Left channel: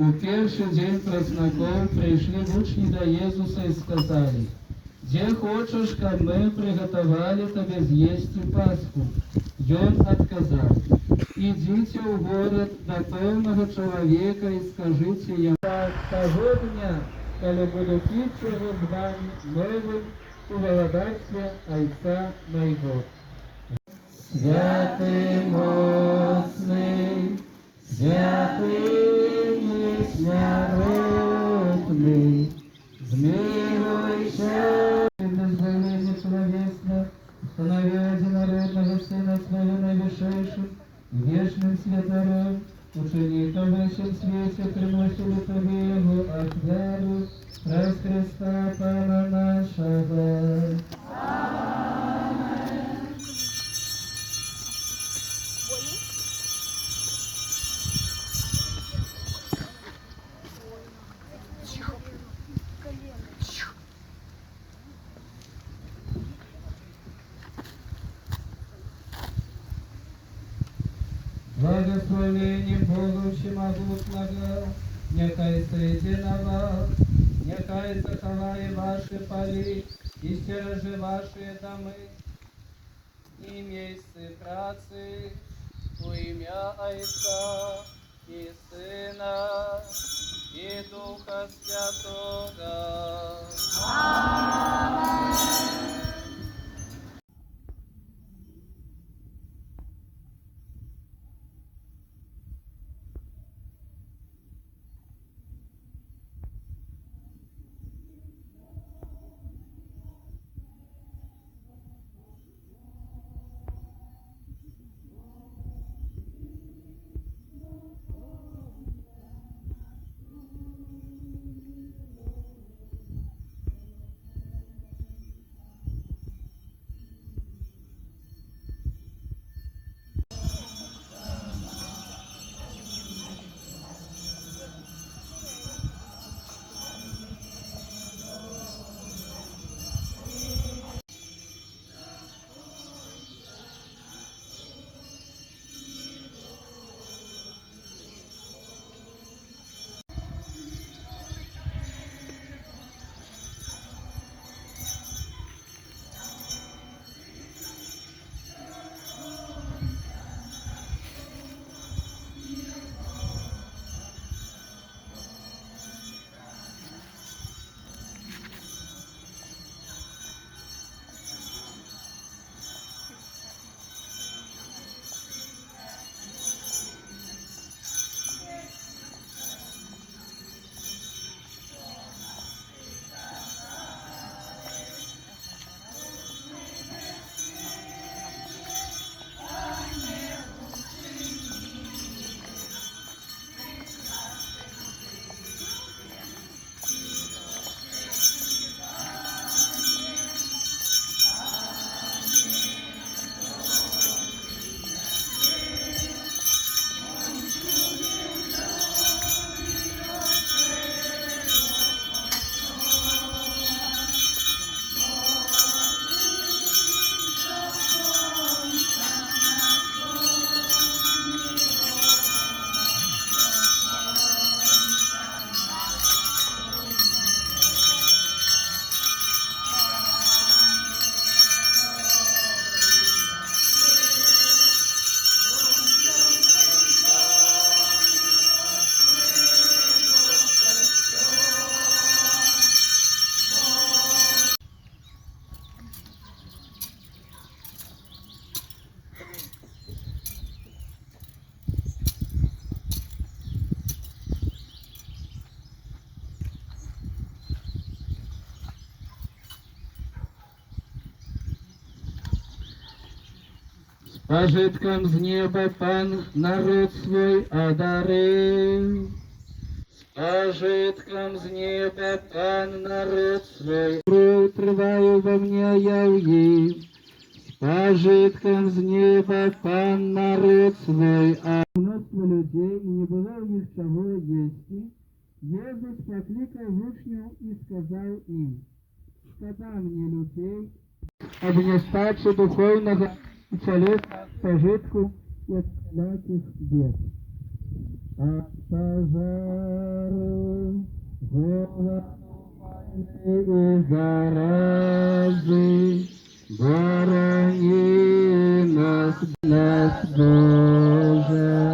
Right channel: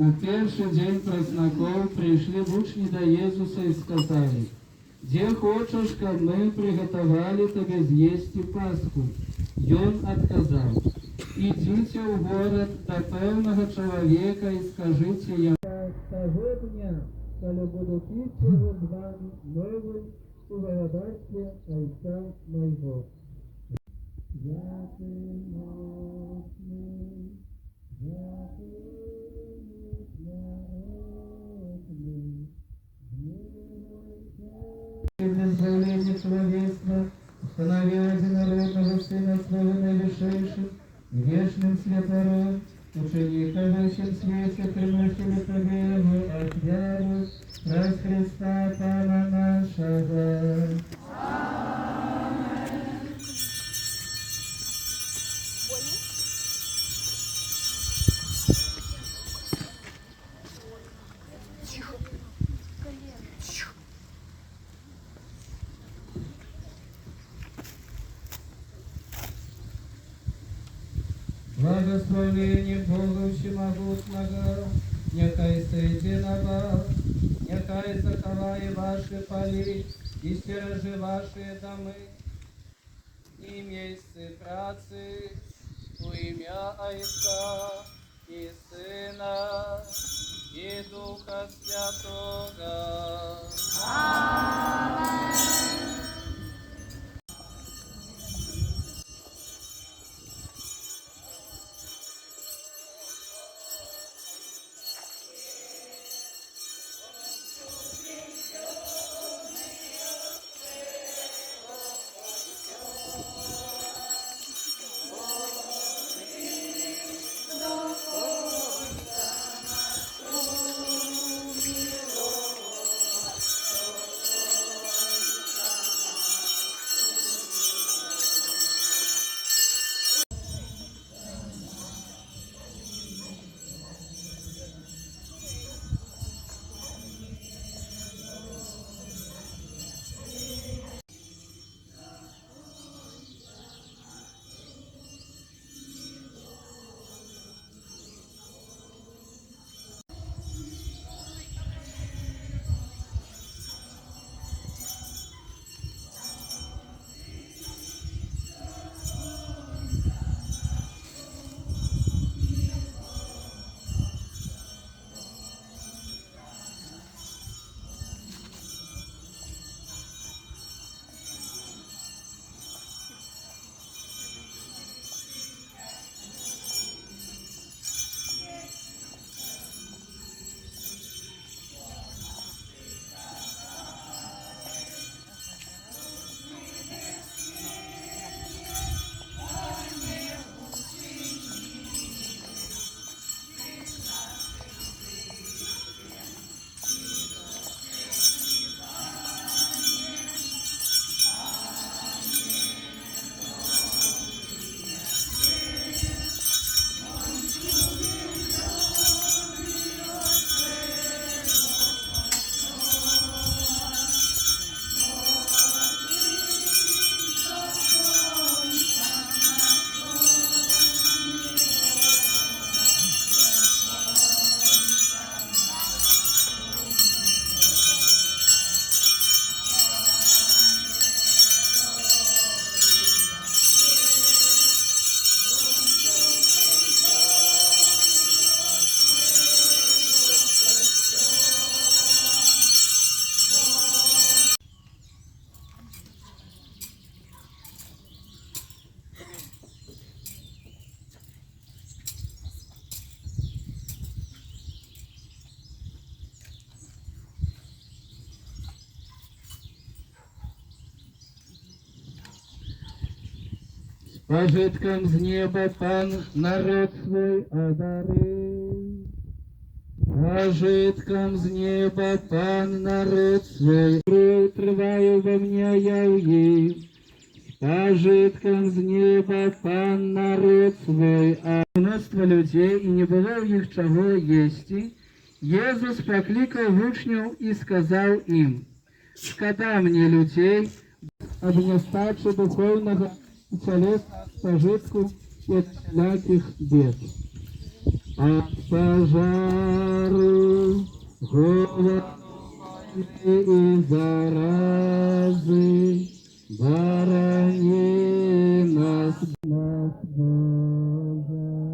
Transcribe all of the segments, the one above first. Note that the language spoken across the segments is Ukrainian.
У першы дзень празнакоў прыйшлі вучні да Езуса і сказалі: «Дзе хочаш, каб мы прыгатавалі табе з'есці Пасху?» Ён адказаў: «Ідзіце ў горад да пэўнага чалавека і скажыце яму: таго дня, калі буду піць яго з вамі новым у валадарстве Айца майго». Святы моцны, святы несмяротны, змилуйся. Дозволение человечества установил единородного Сына Своего наивысшейшим, вечным светором, учеников во всем свете приносили Тебе Его от веры, через Христа Пана нашего. Благословение Бога Всемогутного, нехай сойди на вас, нехай заховає ваши поли и стережи ваши домы и места працы во имя Отца и Сына и Духа Святого. Аминь. Пожитком с неба Пан народ свой одарил. С пожитком с неба Пан народ свой утриваю во мне яв'їв. С пожитком с неба Пан народ свой. А множество людей, и не было у них чего есть. Езус покликал вучнів и сказал им: «Шкода мне людей, об нестаче духовного и телесного пожитку и от всяких бед». от пожару, голоду и заразы, борони нас, Боже.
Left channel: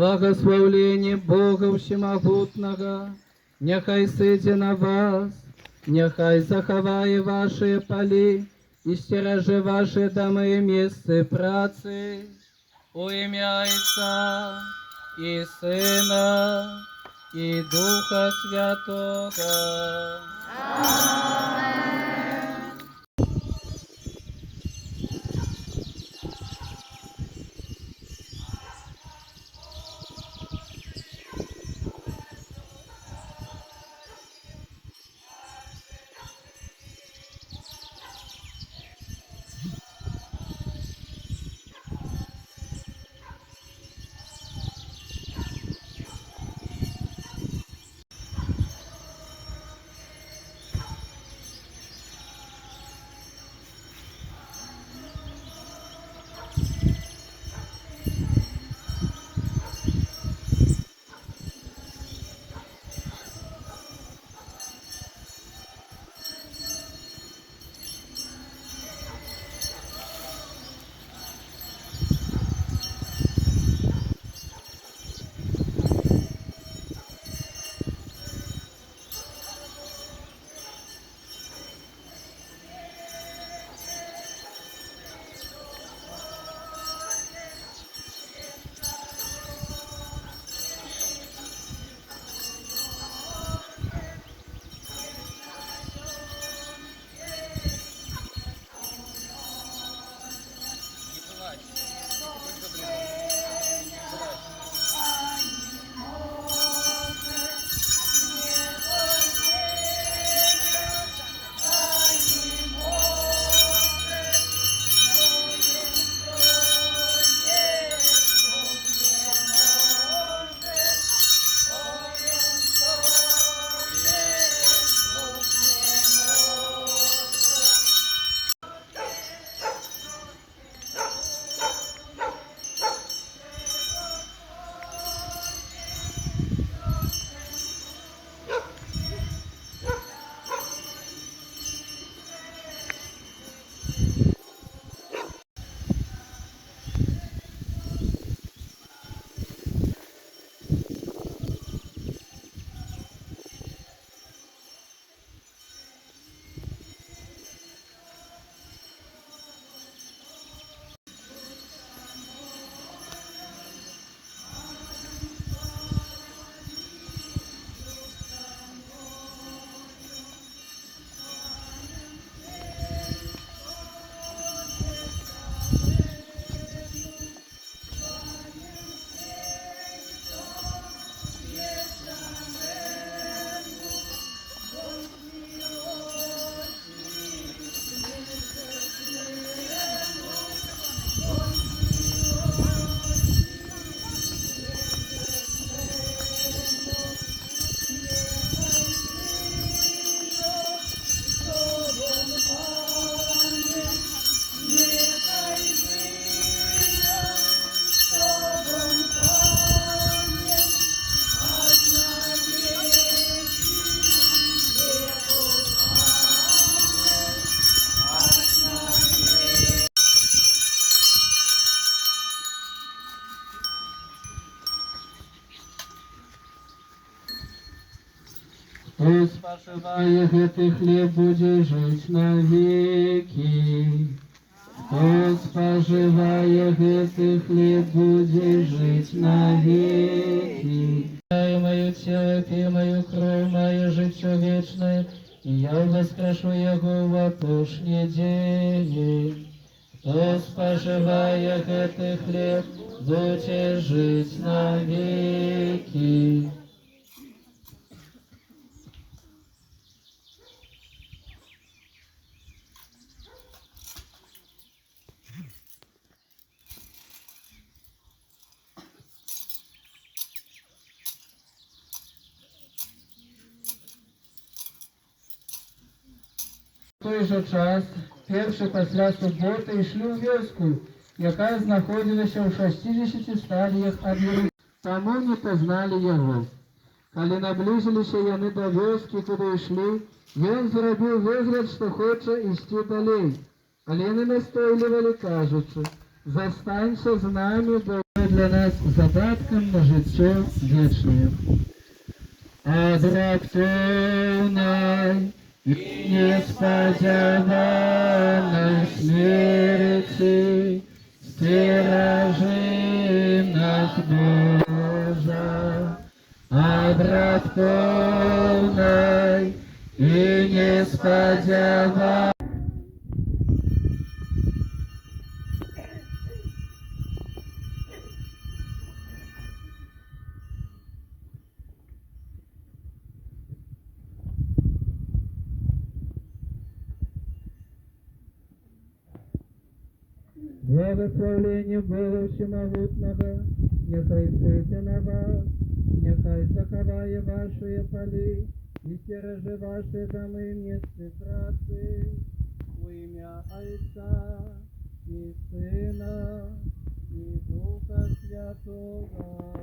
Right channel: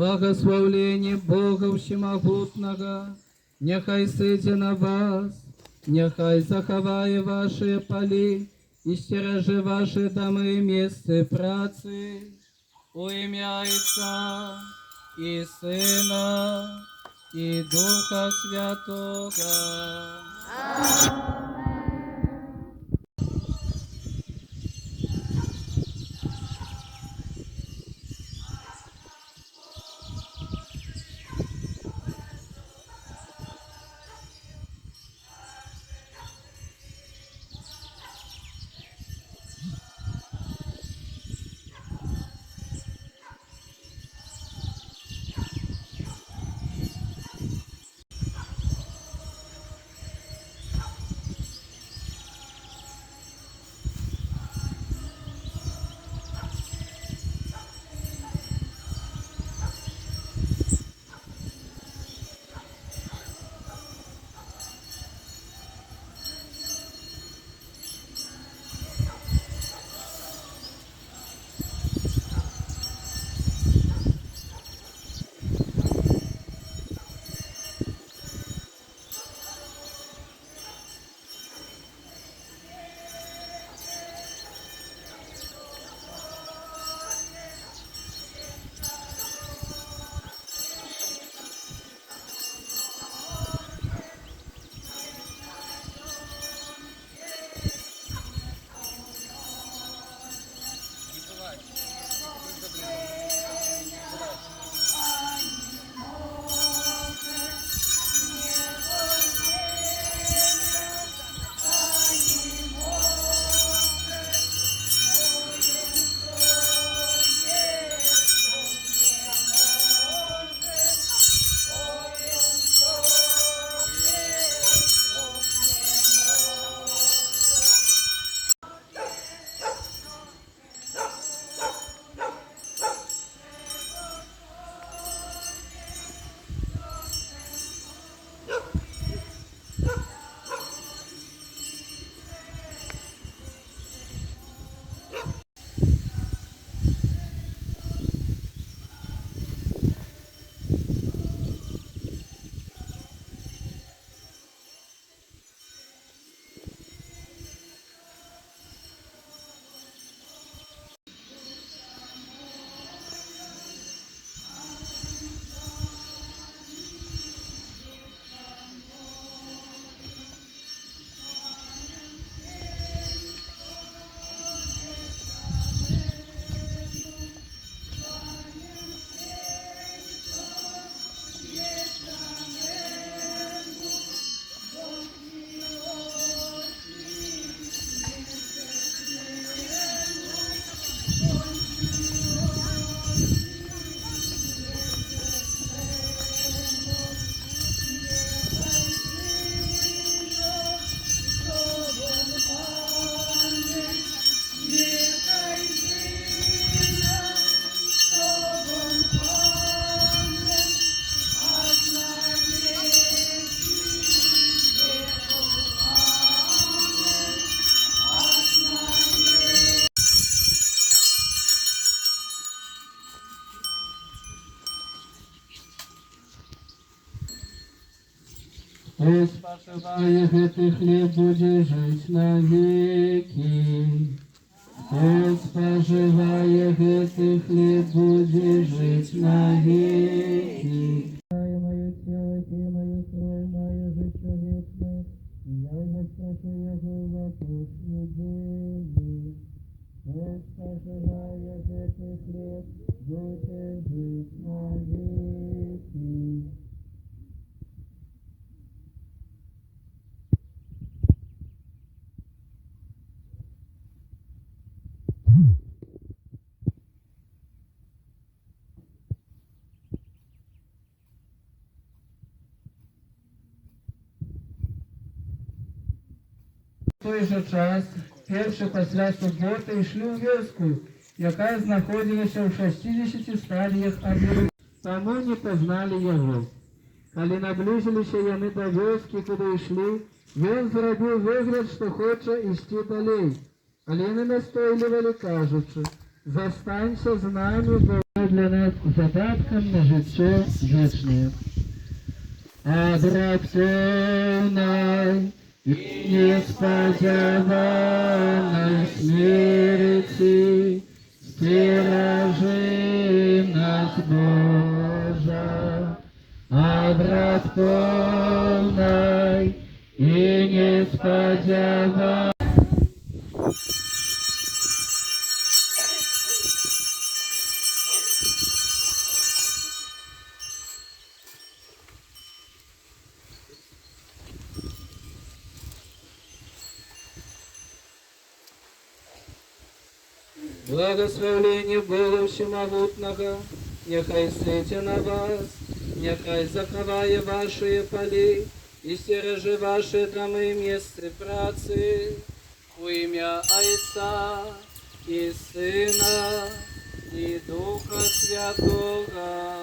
Благословление Бога Всемогутного, нехай сидя на вас, нехай заховає ваші полі і стережи ваші доми і місце праці, у ім'я Отця і Сина і Духа Святого. Хто споживає гетий хліб, буде жить навіки. Хто споживає гетий хліб, буде жить навіки. Мою тело, пей мою кровь, мое життя вечное, и я воскрешу его в опошний день. хто споживає гэты хлеб, будзе жыць навеки. В той же час, перший пасля суботи, йшли у вёску, яка знаходилася ў 60 стадіях ад Єрусалима. Таму не пазнали яго. Калі наблизилися яны до вёскі, куди йшли, ён зрабіў выгляд, што хоча ісці далей. Але яны настойлівалі, кажучы: «Застанься з намі, бо для нас задаткам на жыццё вечнае». Ад раптоўнай і неспадзяванай смерці сцеражы нас, Божа. Ад раптоўнай і неспадзяванай. Благословение Бога Всемогутного, нехай сыте на вас, нехай заховає ваши полі і стережи ваши доми і місце праці, у ім'я Отця і Сина і Духа Святого.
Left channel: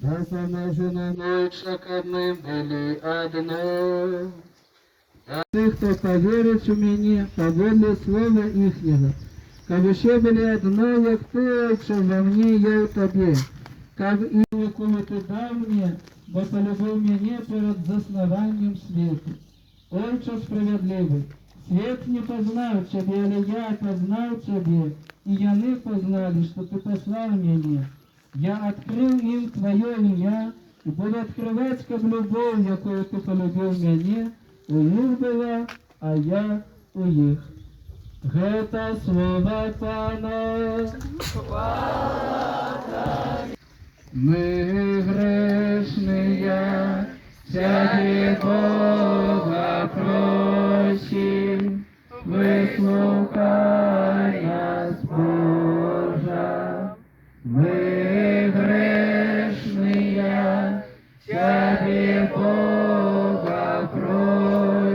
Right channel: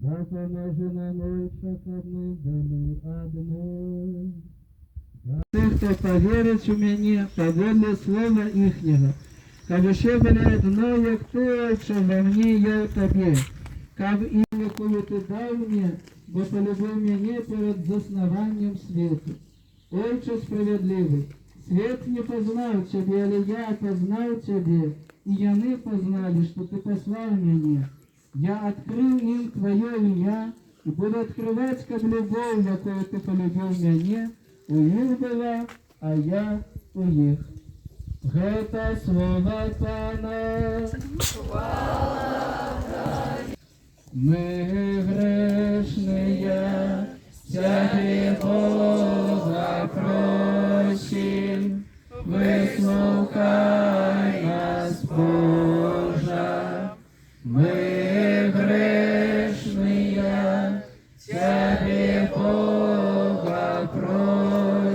Допоможено ночь, каб ми були одно. А тих, хто повірить у мене, поводле слова їхнього, каб ще були одно, як ти, Отче, во мне, я у тобі. Каб і коли ти дав мені, бо полюбив мене перед заснованням світу. Отче справедливий, свет не познал тебе, але я познал тебе, и яны познали, что ты послал меня. Я открыл им Твое имя, і буду відкривати, як любов, якою ти полюбив мене, у їх була, а я у їх. Гета слова Пана. Мы грешные, всякий Бога просим, выслухай нас, Боже. Мы грешные, всякий Бога просим.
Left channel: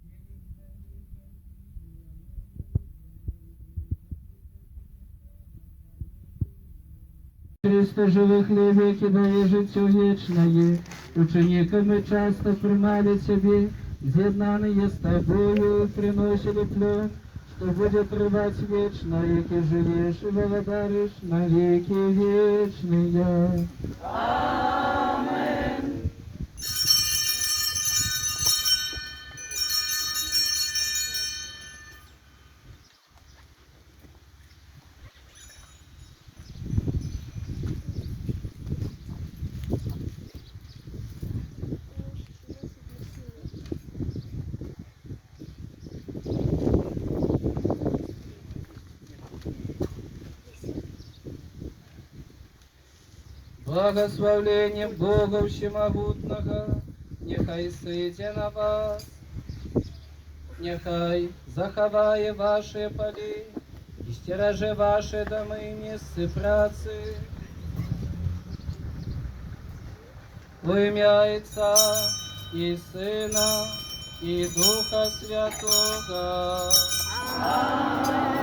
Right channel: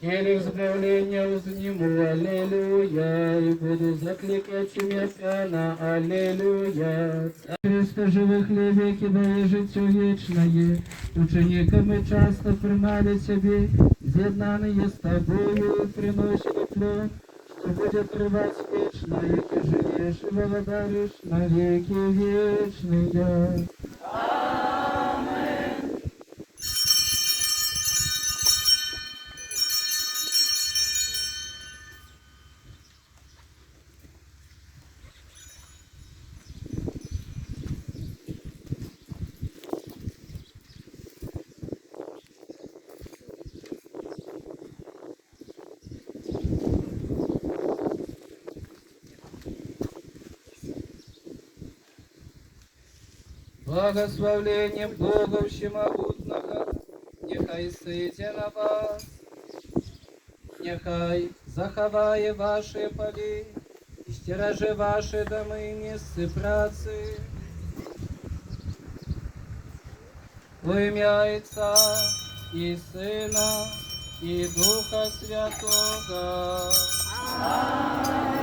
Келих справления узниму, аллилуйя, и буду закликать имя Пана, аллилуйя. Христо живых ли веки дає життя вічне, учениками часто примали себе, з'єднані з тобою, приносили плод, что будет рвать вечно, и ты живешь и благодаришь на веки вечные. Благословление Бога Всемогутного, нехай сидя на вас, нехай заховає ваші полі, і стереже ваші доми, місце праці. Во ім'я Отця і Сина, і Духа Святого. Амінь.